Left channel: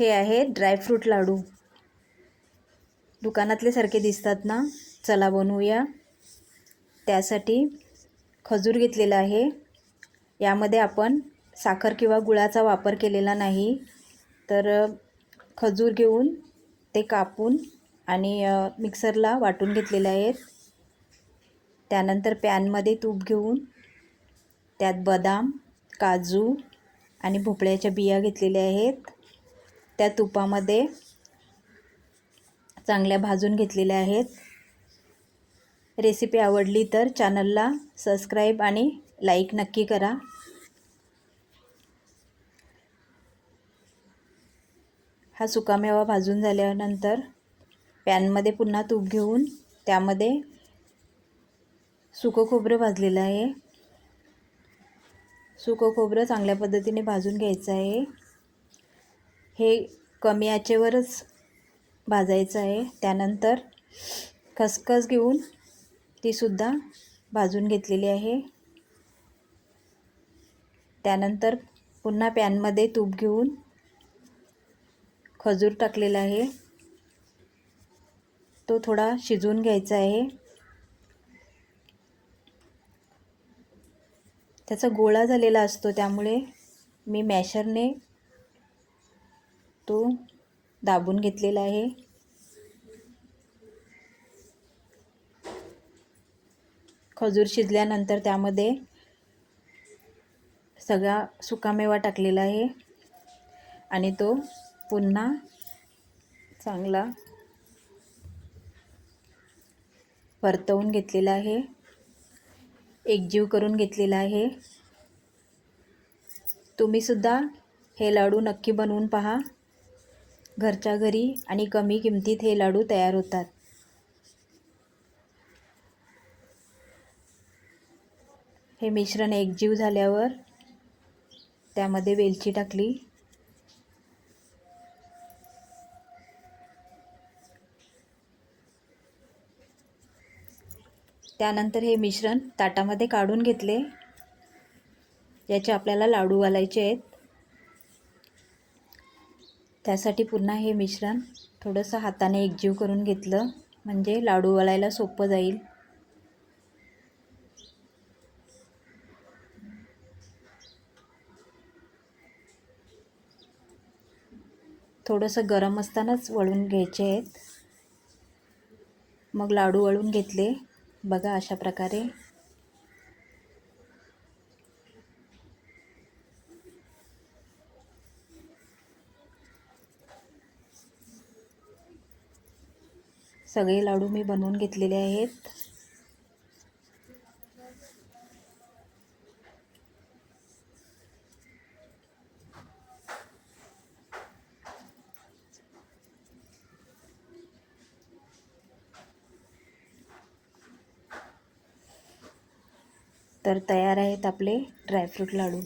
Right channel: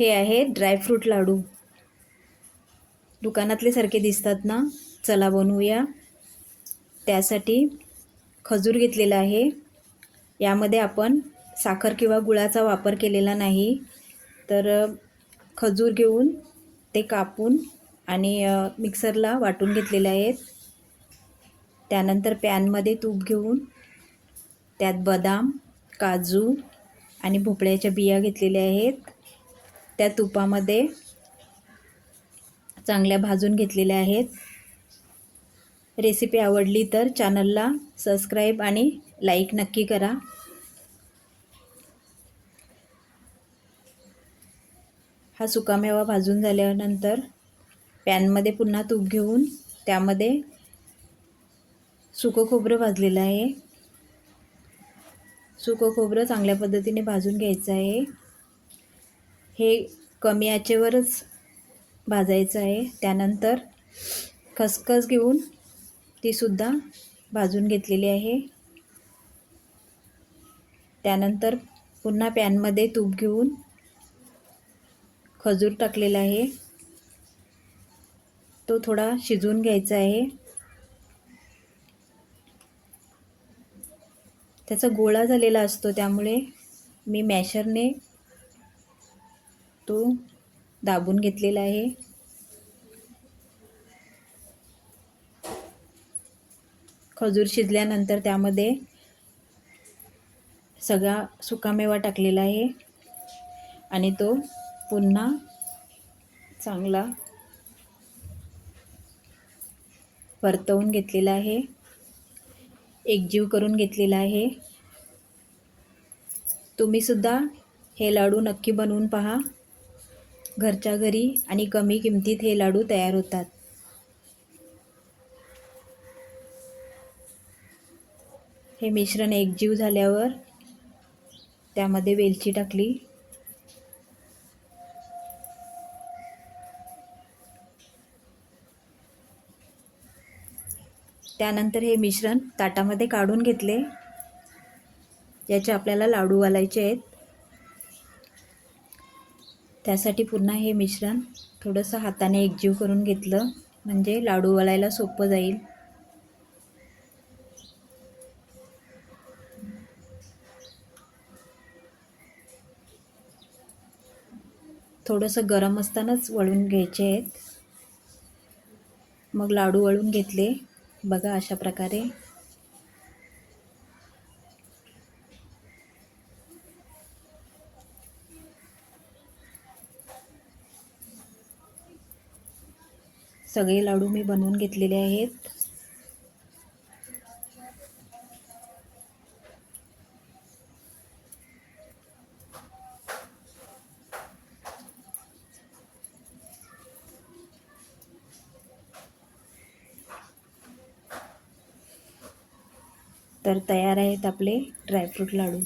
हे आहे ड्रायफ्रूट लाडू. दुकानातले सारखे दिसतात ना? चला बनवूया. त्यासाठी खजूर घेतलेला आहे. यामध्ये आपण साखर किंवा गुळाचा वापर केलेला नाही. तर खजूर घेऊन ते कापून आणि मिक्सरला वाटून घेतलेले आहेत. त्यानंतर पॅनमध्ये तूप घेऊन त्यात बदाम, काजू आणि भोपळ्याच्या बिया घेतलेल्या आहेत. त्या तुपामध्ये चांगल्या भाजून घेतलेल्या आहेत. रेसिपी आवडली तर चॅनलला सबस्क्राईब आणि लाईक नक्की करा. हा सुकामेवा भाजून झाल्यानंतर पॅनमध्ये पुन्हा तूप घेऊन त्यामध्ये सुकं खोबरं भाजलेलं आहे. सुकं खोबरं चांगल्या पद्धतीने भाजून घ्यायचं आहे. हे कमी आचेवरच भाजायचं आहे. त्यानंतर खसखस घेऊन तीसुद्धा भाजून घेतलेली आहे. त्यानंतर पुन्हा पॅनमध्ये तूप घेऊन खजूर टाकलेला आहे. तो थोडा शिजवून घ्यायचा आहे. त्याचा गोळा झालेला असतो, त्यामुळे मी मॅशरने तो दाबून घेतलेला आहे. खजूर शिजल्यानंतर त्यामध्ये सगळा सुकामेवा टाकलेला आहे आणि तो पुन्हा चांगला परतवून घेतलेला आहे. एकजीव करून घेतलेला आहे. तुम्हीसुद्धा हे लाडू नक्की बनवून पहा. घरच्या घरी आणि कमी किमतीत हे लाडू तयार होतात. हे मिश्रण एकजीव झाल्यावर त्यामध्ये वेलची टाकली. त्यानंतर हे मिश्रण ताटामध्ये काढून घेतले. याचे आपल्याला लाडू घालायचे आहेत. त्यासाठी पुन्हा हे मिश्रण थोडंसं हाताने एकजीव करून घेतलं, म्हणजे लाडू घालायला सोपं जाईल. थोडंसं गरम असतानाच वळून घ्यायचे आहेत. मग लाडू वळून घेतले. बघा अशा प्रकारे. सगळे लाडू मी बनवून घेतलेले आहेत. तर तयार आहेत आपले ड्रायफ्रूट लाडू.